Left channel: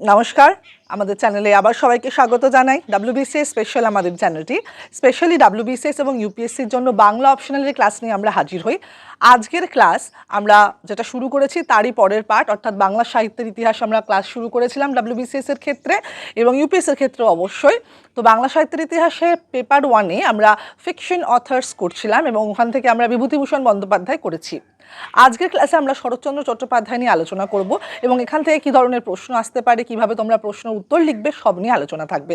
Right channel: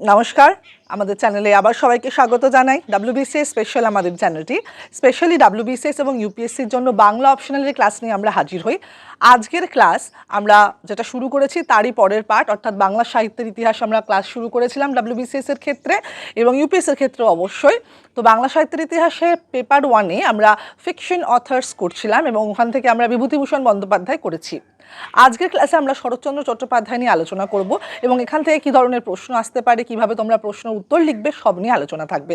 নমস্কার। আমাদের চ্যানেলে আবার সবাইকে স্বাগত জানাই। ডাব্লিউবিসিএস স্পেশাল আমাদের চ্যানেলটি। স্পেশালি ডাব্লিউবিসিএস এবং ইউপিএসসির জন্য বাংলা অপশনালের ক্লাস নিয়ে আমরা হাজির হই। আজকের ক্লাস আমরা যেটা শুরু করেছি তারই পরের পার্ট অর্থাৎ বাংলা সাহিত্যের ইতিহাস আমরা ক্লাস শুরু করেছিলাম ডাব্লিউবিসিএস এর ক্ষেত্রে এবং ইউপিএস এর ক্ষেত্রে অবশ্যই। তো বাংলা সাহিত্যের ইতিহাসে পেপার ওয়ানে আমরা ফিকশন অথার্স করছিলাম এবং ওখান থেকে আমরা বিভূতিভূষণ বন্দ্যোপাধ্যায় করেছি। আজকের ক্লাসে আমরা শরৎচন্দ্র চট্টোপাধ্যায় নিয়ে আলোচনা করব এবং এখান থেকে কী ধরনের প্রশ্ন আসতে পারে, কীভাবে তোমরা প্রশ্ন উত্তর লিখবে, সব নিয়ে আলোচনা থাকবে।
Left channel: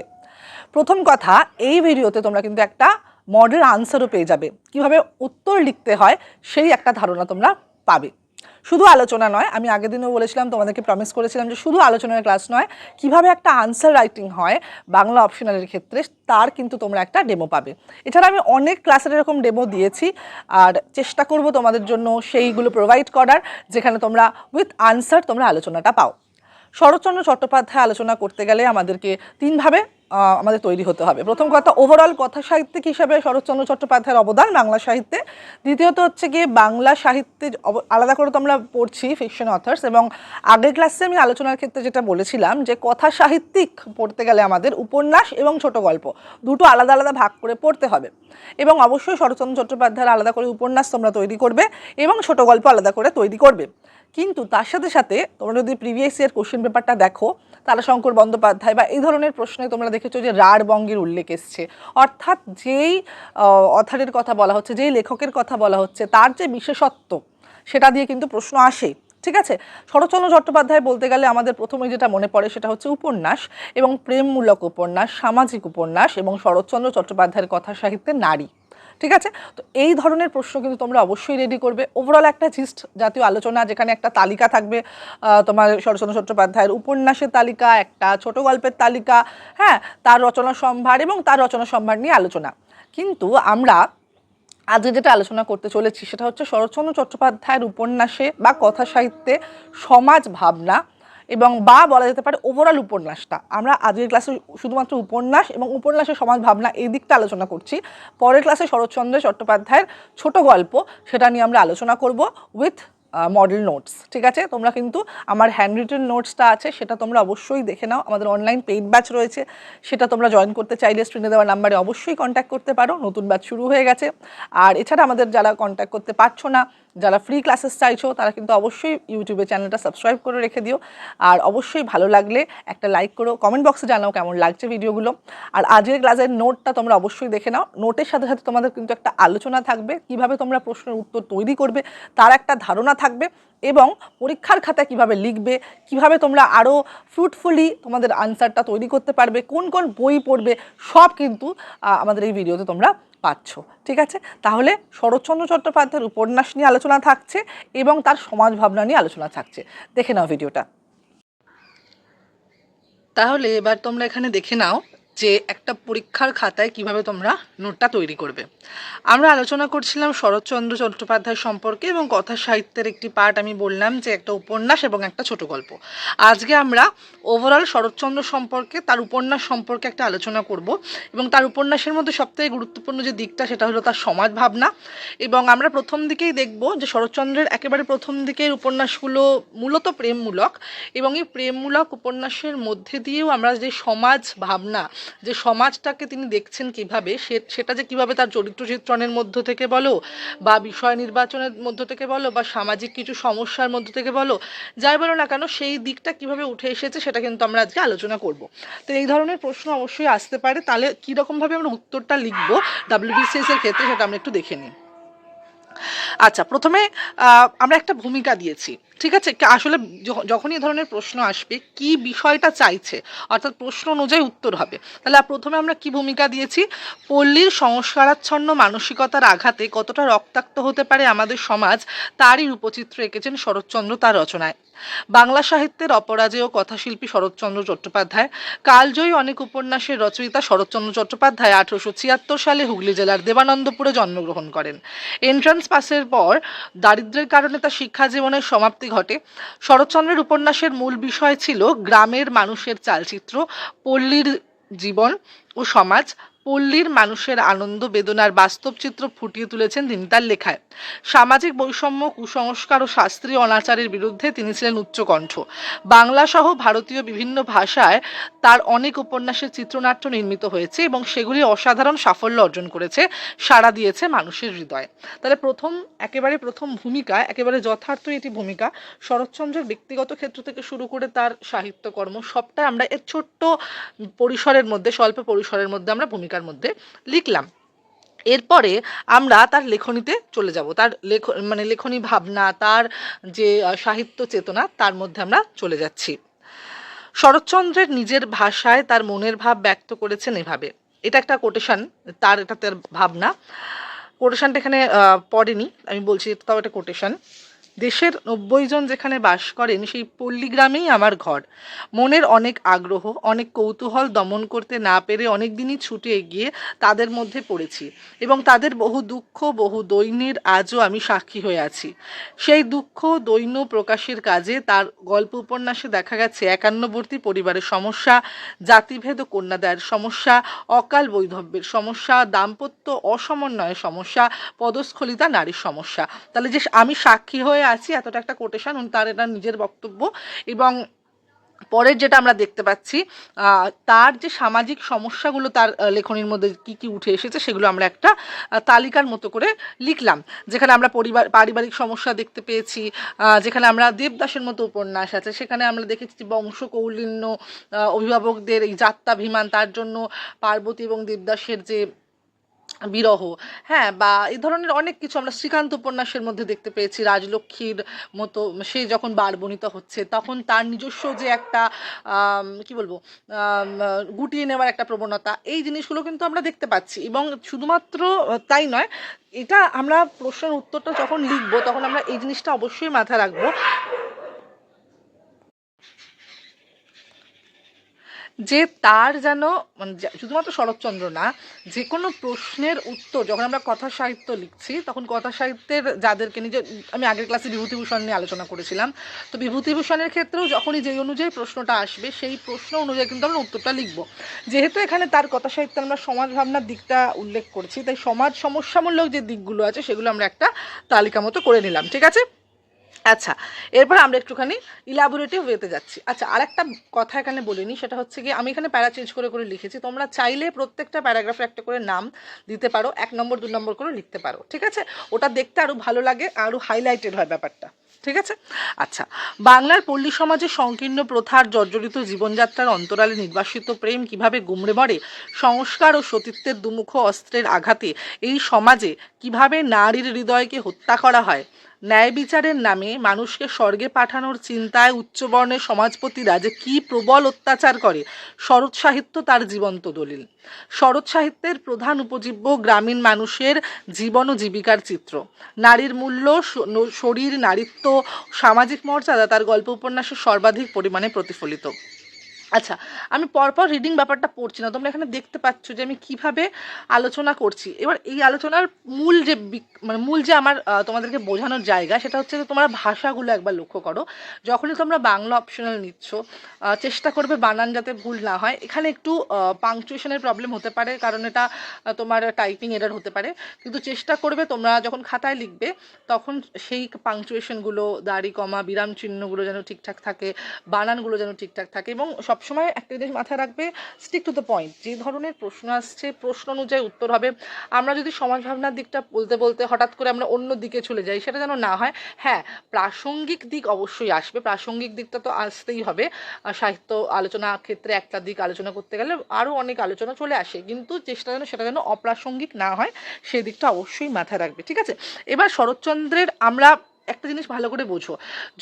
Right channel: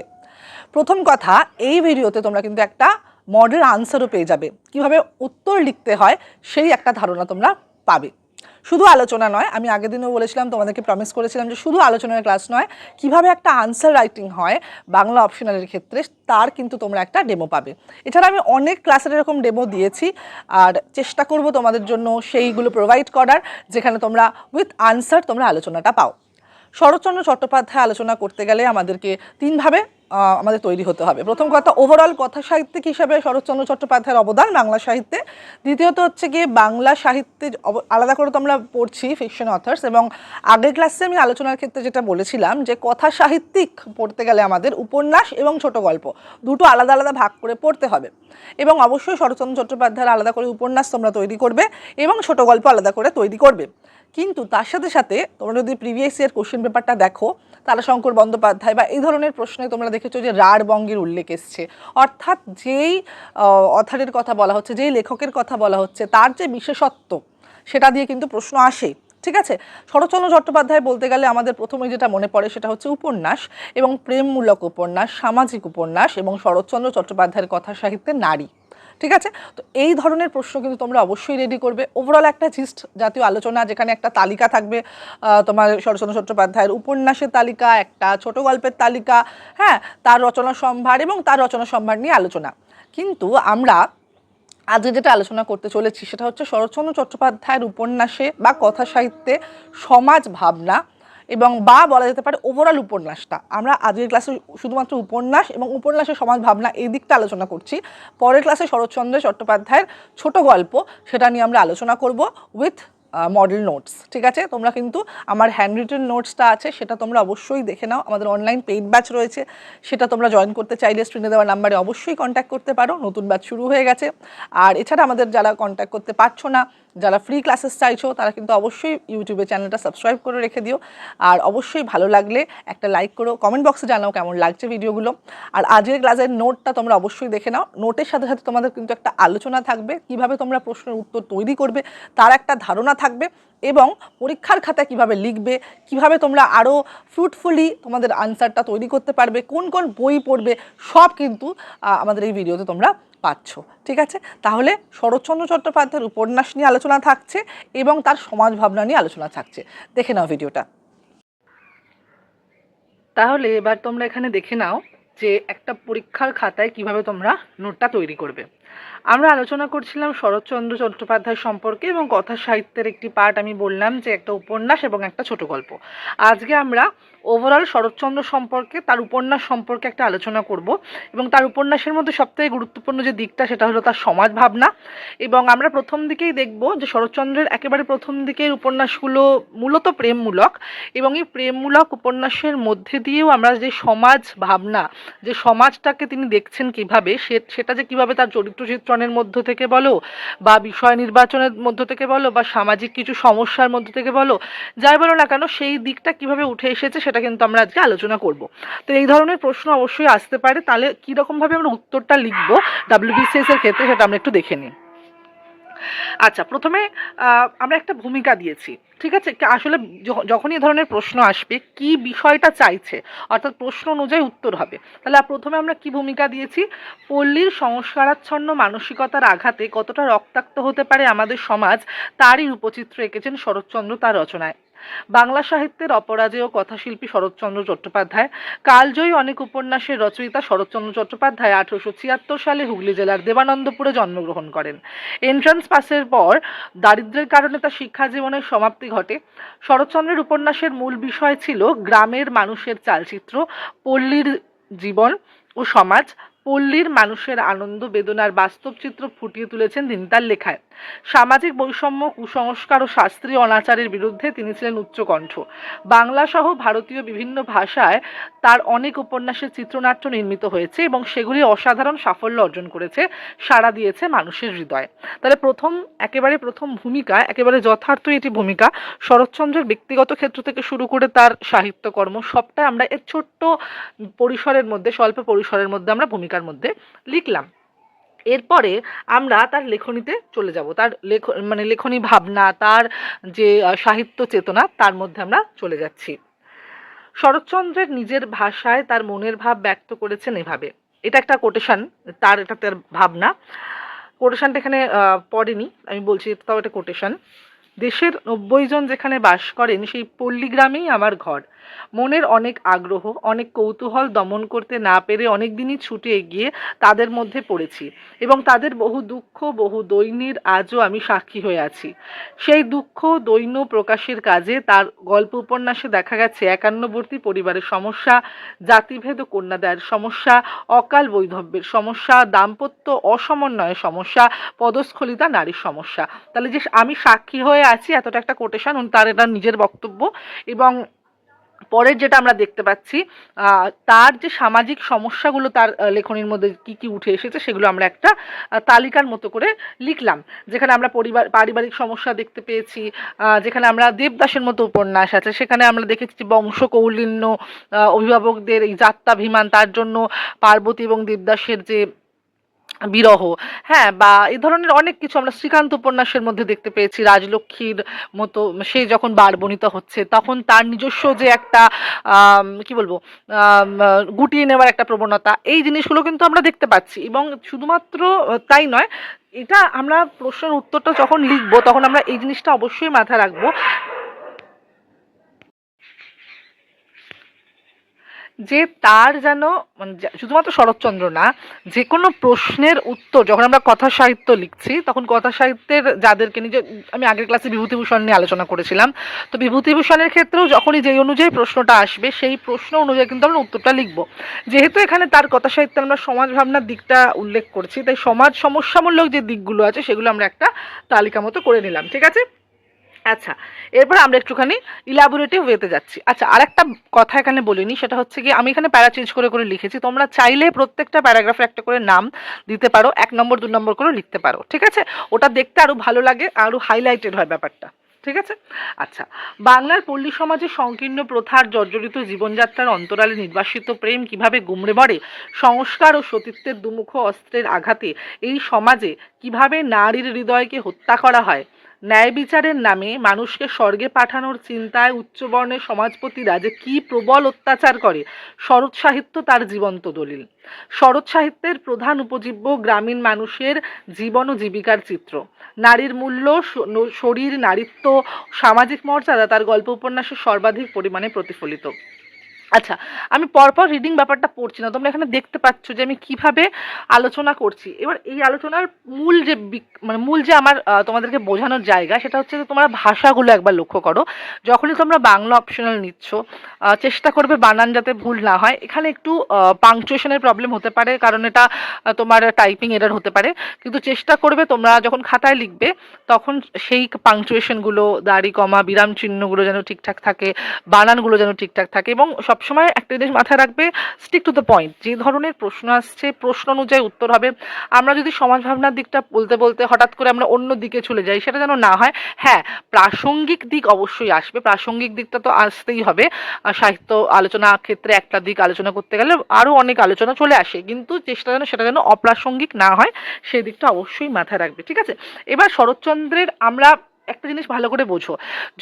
প্রথম কথা, এই ভিডিওতে তোমরা কিন্তু একটা মডেল আনসারও পেয়ে যাবে। কীভাবে উত্তর লিখতে হয়, সেই একটা ধারণা তোমরা পাবে। শুধু আলোচনা নয়, আমি আগের দিনও বলেছিলাম, তোমাদেরকে প্রমিস করেছিলাম যে শুধু আলোচনার ক্লাস নয়, কীভাবে একটা আনসার রাইটিং হয় বাংলা অপশনালের ক্ষেত্রে, তার কিন্তু তোমরা একটা ডেমো পাবে। এছাড়া আমি অনেক ক্লাসের এরকম ডেমো দিয়েছি, আর চেষ্টা করব তোমাদের জন্য সেইগুলো প্রোভাইড করার, যেখানে তোমরা উইথ আনসার তোমরা আলোচনাটা পাও। শরৎচন্দ্র চট্টোপাধ্যায় আলোচনা করতে গেলে আমাদেরকে তিনভাবে আমাদের তৈরি হতে হবে। প্রথম কথা ওভারঅল কথা সাহিত্যিক হিসাবে শরৎচন্দ্র চট্টোপাধ্যায়ের অবদান বাংলা সাহিত্যে। দ্বিতীয়ত হচ্ছে গিয়ে বাংলা সাহিত্যে আলাদা করে তো আমরা পড়ছি ফিকশন অথার্স এবং আগের ক্লাসে আমি আলোচনার ক্ষেত্রে যেটা বলেছিলাম যে কথা সাহিত্যিক পড়তে গেলে আমাদের উপন্যাস এবং ছোট গল্প দুটো আলাদা আলাদা ভাগ করে পড়তে হবে। এবং অবশ্যই শরৎচন্দ্র চট্টোপাধ্যায়ের আলাদা করে উপন্যাস তোমরা তৈরি করবে এবং ছোট গল্প আলাদা করে তৈরি করবে। কিন্তু তার সাথে সাথে তোমরা যদি প্রিভিয়াস ইয়ার কোশ্চেন পেপারটা দেখো তারাশঙ্কর বন্দ্যোপাধ্যায় বা এই ধরনের প্রশ্নে তোমরা দেখেছ যে রাঢ় বঙ্গের উল্লেখ এসছে। অর্থাৎ যেই অথারের কথা বলা হচ্ছে, যেই লেখকের কথা বলা হচ্ছে, তার যে বিশেষত্ব, সেটা দিয়ে কিন্তু প্রশ্ন আসে, ঠিক আছে? শরৎচন্দ্র চট্টোপাধ্যায় বলতে গেলে আমাদের প্রথমে যেটা মনে পড়ে সেটা হচ্ছে উপন্যাস এবং প্রেমমূলক উপন্যাস, সামাজিক উপন্যাস এবং শরৎচন্দ্র চট্টোপাধ্যায়ের কথা সাহিত্যে নারী। ঠিক আছে? তো এই ধরনের প্রশ্ন কিন্তু তোমরা অবশ্যই রেডি করবে। ওভারঅল একটা জিস্ট জাতীয় আলোচনা, যেখানে একটা তালিকা থাকবে তোমার শরৎচন্দ্র চট্টোপাধ্যায়ের উপন্যাসের তালিকা, একটা ছোট গল্পের তালিকা হ্যাঁ তার রচনা সম্ভার এবং তার রচনা সম্ভার নিয়ে আলোচনা। কিন্তু আমরা আজকে যেটা আলোচনা করতে চলেছি, সেটা হচ্ছে শরৎচন্দ্র চট্টোপাধ্যায়ের উপন্যাসে বা কথা সাহিত্যে সমাজ ভাবনা এবং বা বলা যেতে পারে ওভারঅল উপন্যাসটা। আমরা আজকের ক্লাসে শুধুমাত্র উপন্যাস এবং উপন্যাসের সমাজ ভাবনা এই দিকটা আলোচনা করছি। পরের ক্লাসে শরৎচন্দ্র চট্টোপাধ্যায়ের ছোট গল্প, সেটা নিয়ে আমরা আলোচনা করব উইথ মডেল নোটস ঠিক আছে? তোমরা কিন্তু আমার হ্যান্ড রিটেন নোটসটা আছে, সেটা তোমরা অবশ্যই দেখে নাও। আমাদের অনলাইন পেইড ব্যাচ রয়েছে, সেটা তোমরা জয়েন করতে চাইলে স্ক্রিনে দেওয়া নাম্বারে অবশ্যই কন্ট্যাক্ট করতে পারো। নতুন ব্যাচ শুরু হয়ে গেছে। আর এছাড়া আমাদের যারা কন্ট্যাক্ট করতে পারছ না যারা ফ্রি ক্লাসেস চাইছো, তারা কিন্তু অবশ্যই ইউটিউবে চ্যানেলটা সাবস্ক্রাইব করে রেখে দিও। আর অবশ্যই ভালো লাগলে একটা লাইক করো কমেন্ট বক্সে জানাও কেমন লাগছে ভিডিওগুলো আর আজকের ক্লাসের নোটটা তোমরা অবশ্যই দেখে নাও। নোটের সাথে সাথে তোমাদের কিন্তু একটা আলোচনা থাকবে, কীভাবে তোমরা প্রশ্নের উত্তর তৈরি করবে, তার একটা ধারণা থাকবে এবং পরীক্ষার খাতা কীভাবে লিখবে, কীভাবে তোমরা আরও ফ্রুটফুলি তোমাদের আনসারটা তৈরি করতে পারবে, কোন কোন বই পড়বে, সব কিন্তু আমাদের এই ভিডিওতে তোমরা পাচ্ছ, ঠিক আছে? তাহলে শরৎচন্দ্র চট্টোপাধ্যায়ের উপন্যাস নিয়ে আলোচনা থাকছে এবং তার সমাজ ভাবনা নিয়ে আলোচনা থাকছে। দেখে নাও ভিডিওটা। তাহলে এবার তোমরা এখানে দেখে নাও যে একটা পরীক্ষার খাতায় কীভাবে তোমরা নোটটা তৈরি করবে। আমরা আলোচনা করছিলাম শরৎচন্দ্র চট্টোপাধ্যায় সম্পর্কে এবং কথা সাহিত্যের একটি পার্ট আমি বললাম যে একটা উপন্যাস এবং একটা ছোট গল্প। আজকে আমরা ওভারঅল শরৎচন্দ্র সম্পর্কে, তার উপন্যাস সম্পর্কে একটা আলোচনা করব। এবং তার উপন্যাসের মধ্যে সবথেকে গুরুত্বপূর্ণ যে দিকটা, সেটা হলো তার সমাজ ভাবনা এবং আমরা প্রথম দিকেই দেখব যে শরৎচন্দ্রের একেবারে প্রথম দিকের উপন্যাসগুলো মূলত প্রেমমূলক। এবং এই প্রেমমূলক উপন্যাসের মধ্যে দিয়েও আমরা যে সমাজ ভাবনা যে সমাজটাকে তিনি দেখছেন কীভাবে, সে, সেটা যে কীভাবে তার চরিত্র চিত্রণের মধ্য থেকে বলো, বা বিষয় নির্বাচনের মধ্য থেকে বলো, বা সামাজিক কিছু সমস্যার মধ্য থেকে বলো, যাই বলো না কেন, সেই দিকটা কীভাবে উঠে এসেছে সেটা কিন্তু আমরা আজকে আলোচনা করব। তো এই ধরনের প্রশ্ন অবশ্যই আসতে পারে। তাহলে কীরকমভাবে আমরা উত্তরটা লিখব ডাব্লিউবিসিএস এর ক্ষেত্রে সেটা আমরা একটু দেখে নিই। আচ্ছা প্রথমে আমরা একটা ভূমিকা দিয়েছি, ঠিক আছে? আসলে যখনই এ ধরনের প্রশ্ন আসবে, কি বিষয়টা চাইছে, অর্থাৎ প্রশ্ন অনুযায়ী উত্তর হবে। তাহলে প্রথমে আমরা কি ভূমিকা দিয়েছি? পল্লীর সংস্কারাচ্ছন্ন মানসিকতার আঘাতে কতটা রক্তাক্ত হতে পারে আমাদের সমাজ, তারই রূপচিত্র এঁকেছেন শরৎচন্দ্র তার রচনায়। বাংলা সাহিত্যের অপরাজেয় কথাশিল্পী শরৎচন্দ্র চট্টোপাধ্যায়। কালজয়ী অনেক উপন্যাসের রচয়িতা শরৎচন্দ্র চট্টোপাধ্যায় আঠারোশো ছিয়াত্তর সালে হুগলি জেলার দেবানন্দপুরে জন্মগ্রহণ করেন। এন্ট্রান্স পাসের পর দারিদ্র্যের কারণে তার শিক্ষা জীবনের সমাপ্তি ঘটে। শরৎচন্দ্রের উপন্যাসের মূল বিষয় ছিল গ্রামের মানুষের চালচিত্র, পল্লীর জীবন ও সমাজ। পল্লীর মানুষের আনন্দ বেদনার বাস্তব চিত্র ফুটিয়ে তুলেছেন তিনি তার লেখায়। সামাজিক বৈষম্য, কুসংস্কার ও শাস্ত্রীয় অনাচারের বিরুদ্ধে তিনি ছিলেন উচ্চকণ্ঠ। বাংলা সহ ভারতীয় বিভিন্ন ভাষায় তার অনেক উপন্যাসের চিত্রনাট্য নির্মিত হয়েছে এবং সেগুলি অসাধারণ সাফল্য অর্জন করেছে, সাড়া দিয়েছে মানুষের হৃদয়ে। তাহলে প্রথম, একেবারে প্রথম ভূমিকা, একেবারে যথার্থ এটি ভূমিকা, শরৎচন্দ্রের ব্যক্তিগত ক্ষেত্র থেকে শুরু করে তার সাহিত্যকর্ম সবটাই আমরা এর ছোট্ট পরিসরের মধ্যে, স্বল্প পরিসরের মধ্যে আমরা ভূমিকার মধ্যে লিখলাম। এরপরে আমরা তার লেখনীতে চলে যাব। তার লেখ মানে লেখনী ভাবনা, তার যে সাহিত্য চেতনা, তার মধ্যে আমরা চলে যাচ্ছি। শরৎচন্দ্রের নিজের ভাষায় তার মনের ভাব ব্যক্ত করেছেন এভাবে। এটা একটা কোটেশন তার এটা তার ভাবনা। কোটেশনটা এখানে পড়েনি, আমি বলছি তাও এটা কোটেশন দেশের নব্বই জন যেখানে বাস করেন, সেই পল্লী গ্রামেই আমার ঘর। মনের অনেক আগ্রহ, অনেক কৌতূহল দমন করতে না পেরে অনেক দিনই ছুটে এগিয়ে তাদের মধ্যে পড়েছি এবং তাদের বহু দুঃখ, বহু দৈন্যের আজও আমি সাক্ষী হয়ে আছি। সেই দুঃখ, দৈন্য প্রকাশের কাজে তার গল্প উপন্যাসে দেখা গেছে একান্নবর্তী পরিবারের সমস্যা, জাতিভেদ ও কন্যাদায়ের সমস্যা, অকাল বৈধব্যের সমস্যা, দাম্পত্য অসমন্বয়ের সমস্যা, পদস্খলিতা নারীর সমস্যা। তাহলে যে আমি সাক্ষী হয়ে আছি, এতটা একটা কোটেশন তার এটা নিজের বক্তব্য। এবং পরের যেটা আমরা দেখতে পাচ্ছি তার যে সামাজিক সমস্যাগুলো তার লেখনীর মধ্যে কি কি উঠে এসেছে সেগুলো আমরা একটা তালিকার মতো করে লিখলাম। যেখানে আমরা পরিবার, পারিবারিক সমস্যা দেখতে পেয়েছি যেখানে আমরা দেবদাসের মতো উপন্যাস আছে, সেখানে আমরা দেখেছি বংশ কৌলিন্য অভিভাবকদের এই যাত্রাভিমান, তার জন্য পার্বতী এবং দেবদাসের যে বিরহ। হ্যাঁ বা এই ধরনের অনেক কিছু আমরা শ্রীকান্ত উপন্যাসের মধ্যে দেখতে পেয়েছি। রাজলক্ষ্মীর মতো সে যখন বারবনিতা হচ্ছে, তখন তার নিজস্ব যে একটা কি বলব গুটিয়ে নেওয়ার একটা প্রবণতা, এই জিনিসগুলো কিন্তু আমরা দেখতে পাচ্ছি। এবং শুধুমাত্র তাই নয়, এটা আমরা প্রশ্নের উত্তরটা যখন লিখব, তখন আমরা এই জিনিসটা অবশ্যই মাথায় রাখব। যে তার যেন মানে শুধুমাত্র শরৎচন্দ্র না, যে কোনো প্রশ্নের উত্তর, যখন আমরা কথা সাহিত্য লিখছি, তখন কথা সাহিত্যের যাদেরকে নিজে আমি আগের ক্লাসে বিভূতিভূষণ নিয়ে আলোচনা করেছিলাম, তো বিভূতিভূষণের ক্ষেত্রেও যখনই যেই অনুযায়ী প্রশ্নটা আসবে, সেই প্রশ্ন অনুযায়ী কিন্তু আমরা উত্তরটা লিখব। যেহেতু এখানে তার কথা সাহিত্যে আমরা সমাজ ভাবনার দিকটা উল্লেখ করছি, তাই সমাজ সমস্যামূলক যে দিকগুলো আছে, সেগুলো আমরা একটা তালিকা মতো করে নিলাম, ঠিক আছে? আচ্ছা এরপর আমরা একটুখানি ইলাবোরেটিভ ওয়েতে যাচ্ছি। আচ্ছা আরেকটা কথা এখানে বলিনি, সেটা হচ্ছে কি আমি এখানে প্যারা চেঞ্জ করে করে লিখেছি। তোমরা চাইলে প্রত্যেকটা প্যারাগ্রাফে একটা করে নাম দিতে পারো, এক নম্বর, দু নম্বর করে লিখতে পারো, ঠিক আছে? ওটা দেখতে আরও ভালো লাগে আরও হাইলাইটেড হয় ব্যাপারটা, ঠিক আছে? আচ্ছা বাংলার পল্লী সমাজে সংকীর্ণ প্রথার জর্জরিত জীবনযাত্রার অন্তরালে নির্বাসিত প্রেম কীভাবে গুমড়ে মরে, সংস্কার ও সতীত্বের দুমুখ অস্ত্রের আঘাতে এই সমাজে কীভাবে নারীর হৃদয়কে হত্যা করা হয় ন্যায় বিচারের নামে মানুষকে স্বর্গে পাঠানোর চিন্তায় উচ্চবর্ণের সমাজপতিরা যে কী প্রবল অত্যাচার করে, শরৎ সাহিত্য তার জীবন্ত দলিল। শরৎ সাহিত্যের প্রধান উপজীব্য গ্রামীণ মানুষের জীবন ও জীবিকার চিত্র। নারীর মূল্য শরীর, নারীত্ব, সামাজিক মর্যাদা তার গল্প উপন্যাসে সর্বাধিক পরিমাণে প্রতিফলিত। আচ্ছা আমি পরপর রিডিং ব্যাপারটা পড়ছি না, তোমরা এখানে দেখতে পাচ্ছ যে আমি কীভাবে আলোচনা করছি। এবার এই আলোচনার মূল যে মানে মূল যে আমার তোমাদেরকে বোঝানোর জায়গা, সেটা হচ্ছে যে তোমরা ভাষাগুলো একবার লক্ষ্য করো। যখনই তোমরা বাংলা অপশনাল নিচ্ছ চেষ্টা করবে বানান যাতে ভুল না হয়। এখানে একটু পাংচুয়েশনের প্রবলেম হতে পারে, কারণ এটা তোমার টাইপিং এরর হতে পারে। কিন্তু চেষ্টা করবে তোমরা যখন খাতায় লিখবে, তখন সেই পাংচুয়েশনগুলো দাড়ি, কমা, বিরাম চিহ্নগুলো যেন ঠিকঠাক থাকে, বানানগুলো যেন ঠিকঠাক থাকে এবং সবসময় একটা জিনিস মাথায় রাখবে স্টিক টু দ্য পয়েন্ট যে ধরনের প্রশ্ন আসছে, প্রশ্ন অনুযায়ী উত্তর হবে। আমরা যদি সমাজ ভাবনার দিকটা বলতে বলতে হঠাৎ করে আমরা অন্য দিকে চলে যাই, সেটা যেন না হয় হ্যাঁ প্রাসঙ্গিক দিক অবশ্যই আসবে। প্রাসঙ্গিক দিকটা তো আসতেই হবে। সাহিত্য আলোচনা ক্ষেত্রে একটা দিক আলোচনা করতে গেলে আরও অনেক আলোচনা চলে আসে। কিন্তু চেষ্টা যেন সেটা যেন অপ্রাসঙ্গিক না হয়, সেই দিকটা অবশ্যই মাথায় রাখবে। ঠিক আছে? এবার শরৎচন্দ্রের আমরা একটা জিনিস ভালো করে বোঝো।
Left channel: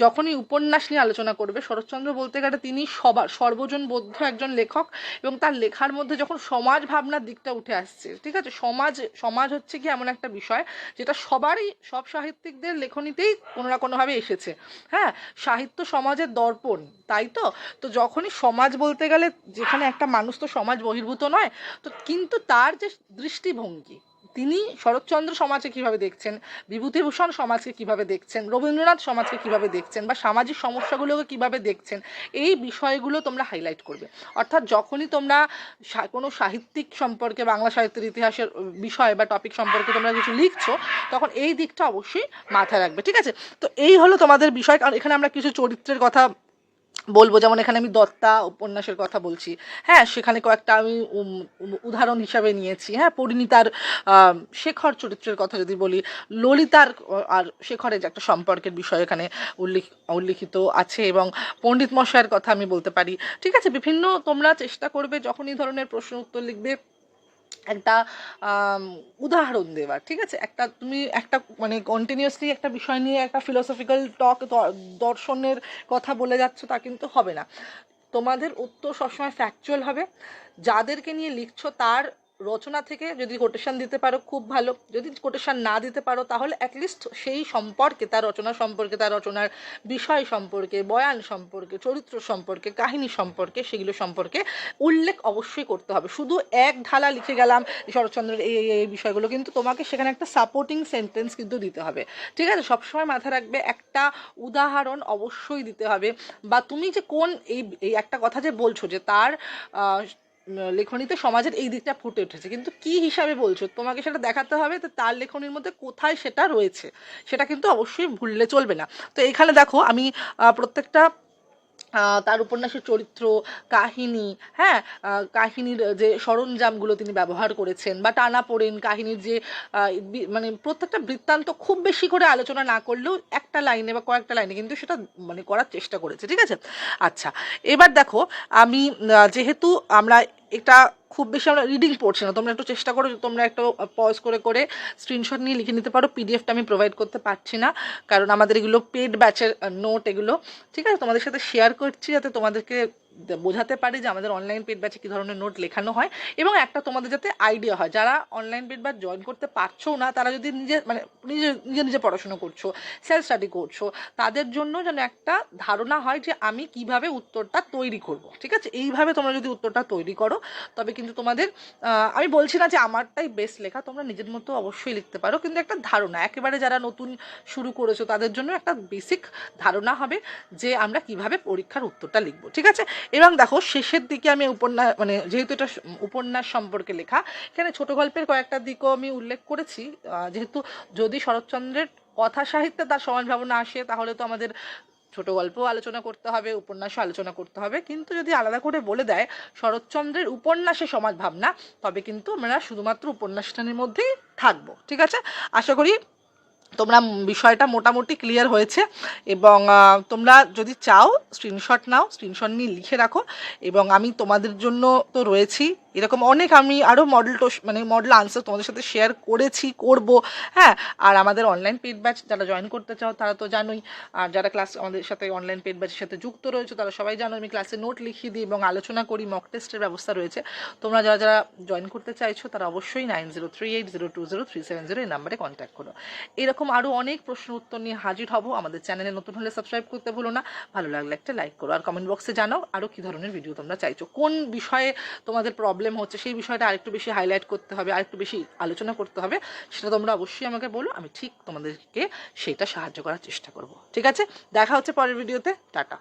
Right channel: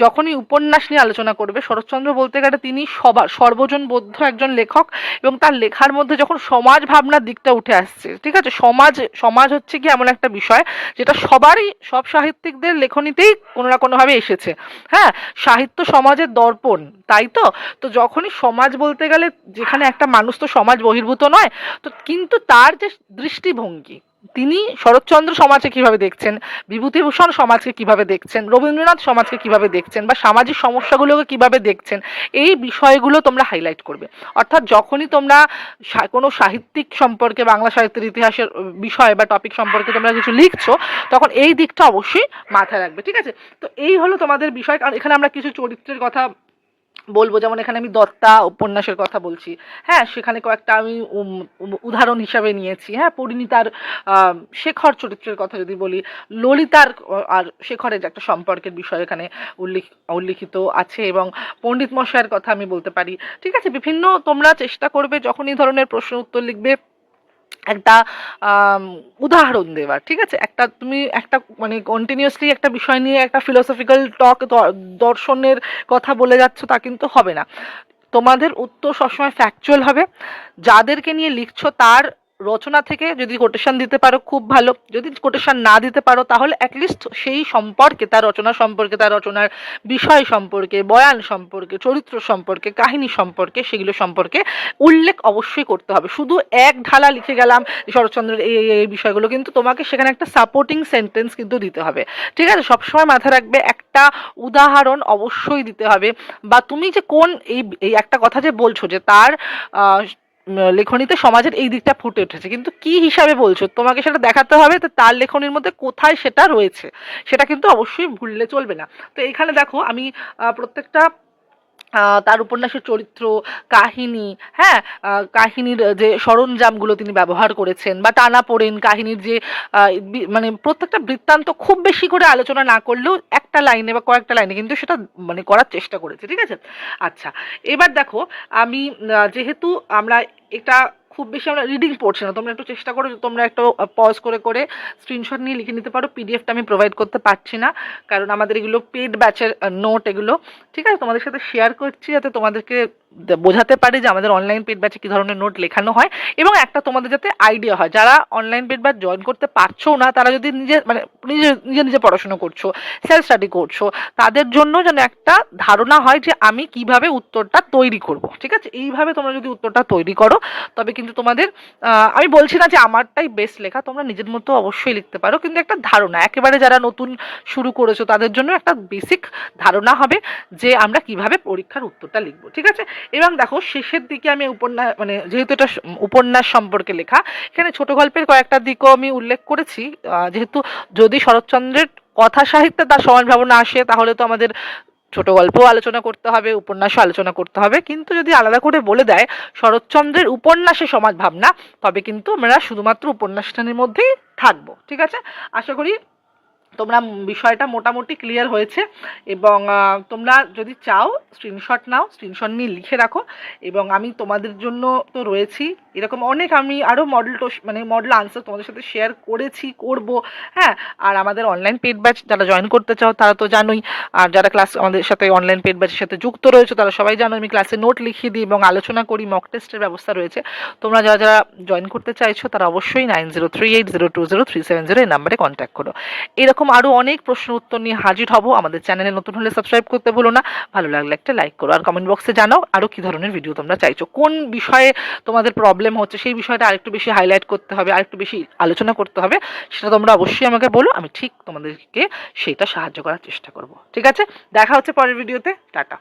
যখনই উপন্যাস নিয়ে আলোচনা করবে, শরৎচন্দ্র বলতে গেলে তিনি সবার সর্বজন বৌদ্ধ একজন লেখক এবং তার লেখার মধ্যে যখন সমাজ ভাবনার দিকটা উঠে আসছে, ঠিক আছে? সমাজ সমাজ হচ্ছে কি এমন একটা বিষয় যেটা সবারই, সব সাহিত্যিকদের লেখনীতেই কোনো না কোনোভাবে এসেছে। হ্যাঁ সাহিত্য সমাজের দর্পণ, তাই তো? তো যখনই সমাজ বলতে গেলে যেখানে একটা মানুষ তো সমাজ বহির্ভূত নয়, তো কিন্তু তার যে দৃষ্টিভঙ্গি তিনি শরৎচন্দ্র সমাজকে কীভাবে দেখছেন? বিভূতিভূষণ সমাজকে কীভাবে দেখছেন? রবীন্দ্রনাথ সমাজকে কীভাবে দেখছেন? বা সামাজিক সমস্যাগুলোকে কীভাবে দেখছেন? এই বিষয়গুলো তোমরা হাইলাইট করবে। অর্থাৎ যখনই তোমরা কোনো সাহিত্যিক সম্পর্কে, বাংলা সাহিত্যের ইতিহাসের বিষয় বা টপিক সম্পর্কে তোমরা কিছু লিখছো, তখন এই দিকটা অবশ্যই মাথায় রাখবে, ঠিক আছে? তো এই হলো তোমাদের বিষয়, কারণ এখানে আমরা কিছু চরিত্রের কথা বলব, যেমন এখানে আমি দত্তা উপন্যাসের কথা বলছি। হ্যাঁ সেখানে কয়েকটা আমি উদাহরণ হিসাবে নিয়েছি। হ্যাঁ পরিণীতার শেখর চরিত্রের কথা যদি বলি, ললিতার আর শেখরের যে একটা সম্পর্কের বিষয় এখানে উল্লেখ, উল্লিখিত আছে এবং পণ্ডিত মশাইয়ের কথা আমি বলতে পারি। ঠিক আছে, বিভিন্ন তোমরা চেষ্টা করবে যখন এই ধরনের প্রশ্ন উত্তর লিখবে। একটা উদাহরণ দেওয়ার, ঠিক আছে? একটা তুমি একটা মানে কন্টিনিউসলি একটা বিষয় নিয়ে একটা ফিলোসফিক্যাল টক দর্শনের কথা বলে যাচ্ছ, তা কিন্তু হবে না। তোমাদের উত্তর সবসময় ফ্যাকচুয়াল হবে। যাদেরকে নিয়ে লিখছো, তার রচনা থেকে যদি কোটেশন দিতে পারো, খুব ভালো। যদি কোটেশন না দিতে পারো, তাহলে অ্যাটলিস্ট সেই সম্পর্কে, তার রচনা সম্পর্কে, তার রচনার বিষয় সম্পর্কে, বয়ান সম্পর্কে, চরিত্র সম্পর্কে, কাহিনী সম্পর্কে, সেগুলো সম্পর্কে উল্লেখ অবশ্যই করতে হবে। শুধু এক ঢালা লিখে গেলাম, শরৎচন্দ্রের এই, এই- বিষয়গুলো, কিন্তু তোমাকে সেখানে একটা সাপোর্টিং সেন্টেন্স কিন্তু দিতে হবে। ঠিক আছে? সবসময় মাথায় রাখবে, একটা উদাহরণ অবশ্যই দিতে হবে। বা তুমি যে কোন, এই এই একটা কথা যে বলছো যে তার লেখনীতে সমাজের এই দিকটা ফুটে উঠেছে। কিন্তু কি হিসাবে বলছো? তোমাকে সেটা দেখাতে হবে তো তার লেখনির মধ্যে কোথায় সেটা রয়েছে। সেটা কিন্তু অবশ্যই ভুললে চলবে না। তো এখানে দেখো আমি প্রত্যেকটা তার উপন্যাসের চরিত্র, কাহিনী হ্যাঁ? কাহিনীর যে সরঞ্জামগুলো তিনি ব্যবহার করেছেন বা টানা পড়েন, কাহিনীর যে মানে প্রত্যেকটা বৃত্তান্ত খুব বেশি করে আলোচনা না করলেও একটা লাইনে বা কয়েকটা লাইনে কিন্তু সেটা মানে করার চেষ্টা করেছে, ঠিক আছে? আচ্ছা এবার দেখো, আমি যেহেতু আমরা এটা খুব বেশি আমরা রিডিং পড়ছি না। তোমরা একটু চেষ্টা করো, তোমরা একটু পজ করে করে স্ক্রিনশট নিয়ে লিখে নিতে পারো। পিডিএফটা আমি প্রোভাইড করতে পারছি না, কারণ আমাদের এগুলো পেড ব্যাচের নোট এগুলো। ঠিক আছে? তোমাদের সাথে শেয়ার করছি যাতে তোমাদেরকে বোঝাতে পারি যে আমাদের অনলাইন পেড ব্যাচে কী ধরনের নোট লেখানো হয় এবং একটা তোমাদের যাতে আইডিয়া হয়। যারা অনলাইন পেড ব্যাচ জয়েন করতে পারছ না, তারা যদি নিজে মানে নিজে নিজে নিজে পড়াশোনা করছ সেলফ স্টাডি করছ, তাদের জন্য যেন একটা ধারণা হয় যে আমি কীভাবে উত্তরটা তৈরি করব। ঠিক আছে? এইভাবে তোমরা যদি উত্তরটা তৈরি করো, তবে কিন্তু তোমাদের আমি বলছি না যে আমারটাই বেস্ট লেখা, তোমরা নিজের মতো অবশ্যই লিখতে পারো, কিন্তু একটা ধারণা, একেবারে যারা নতুন শুরু করেছ, তাদের জন্য একটা বেসিক ধারণা হবে যে আমরা কীভাবে পরীক্ষার উত্তরটা লিখব। ঠিক আছে? এবং দেখো শেষের দিকে আমি উপন্যাস মানে যেহেতু এটা উপন্যাস সম্পর্কে লেখা, এখানে ছোট গল্পের কয়েকটা দিকও আমি উল্লেখ করেছি। যেহেতু যদি শরৎচন্দ্রের কথা সাহিত্যে তার সমাজ ভাবনা আসে, তাহলে তো আমাদের ছোট গল্পও আলোচনা করতে হবে, উপন্যাসও আলোচনা করতে হবে। কিন্তু যদি আলাদা করে বলে দেয় শরৎচন্দ্রের উপন্যাসে সমাজ ভাবনা, তবে কিন্তু আমরা শুধুমাত্র উপন্যাসটানের মধ্যেই থাকব। ঠিক আছে? আশা করি তোমরা বিষয়টা মোটামুটি ক্লিয়ার হয়েছে এবং তোমরা যদি চাও স্ক্রিনশট নাও স্ক্রিনশট নিয়ে লিখে রাখো এবং আমি তোমাদের জন্য তো রয়েছি এরকম অনেক আমি আরও মডেল টোস মানে মডেল আনসার তোমাদের সাথে শেয়ার করেছি, করব। হ্যাঁ আর আমাদের অনলাইন পেড ব্যাচ যারা জয়েন করতে চাও তারা তো জানোই। আর যারা ক্লাস আমাদের সাথে অনলাইন পেড ব্যাচের সাথে যুক্ত রয়েছে তারা সবাই জানো আমি ক্লাসে নোট লিখিয়ে দিই এবং আলোচনা করি মক টেস্টের ব্যবস্থা রয়েছে। তোমরা যারা যারা জয়েন করতে চাইছো তারা অবশ্যই nine zero three eight zero two zero three seven zero এই নাম্বারে কন্ট্যাক্ট করো। এরকম আরও অনেক প্রশ্ন উত্তর নিয়ে হাজির হব। আমাদের চ্যানেলে নতুন হলে সাবস্ক্রাইব করতে ভুলো না। ভালো লাগলে একটা লাইক করো। আর কমেন্ট বক্সে জানাও আরও কী ধরনের ভিডিও তোমরা চাইছো। কোন বিষয়ে তোমাদের প্রবলেম হচ্ছে, সেই বিষয়টা আরেকটু বেশি হাইলাইট করতে হবে, আরেকটু বেশি আলোচনা করতে হবে। সেটা তোমরা অবশ্যই আমাকে বলো, আমি ঠিক তোমাদেরকে সেটা সাহায্য করার চেষ্টা করব। ঠিক আছে? দেখা হচ্ছে পরের ভিডিওতে টাটা।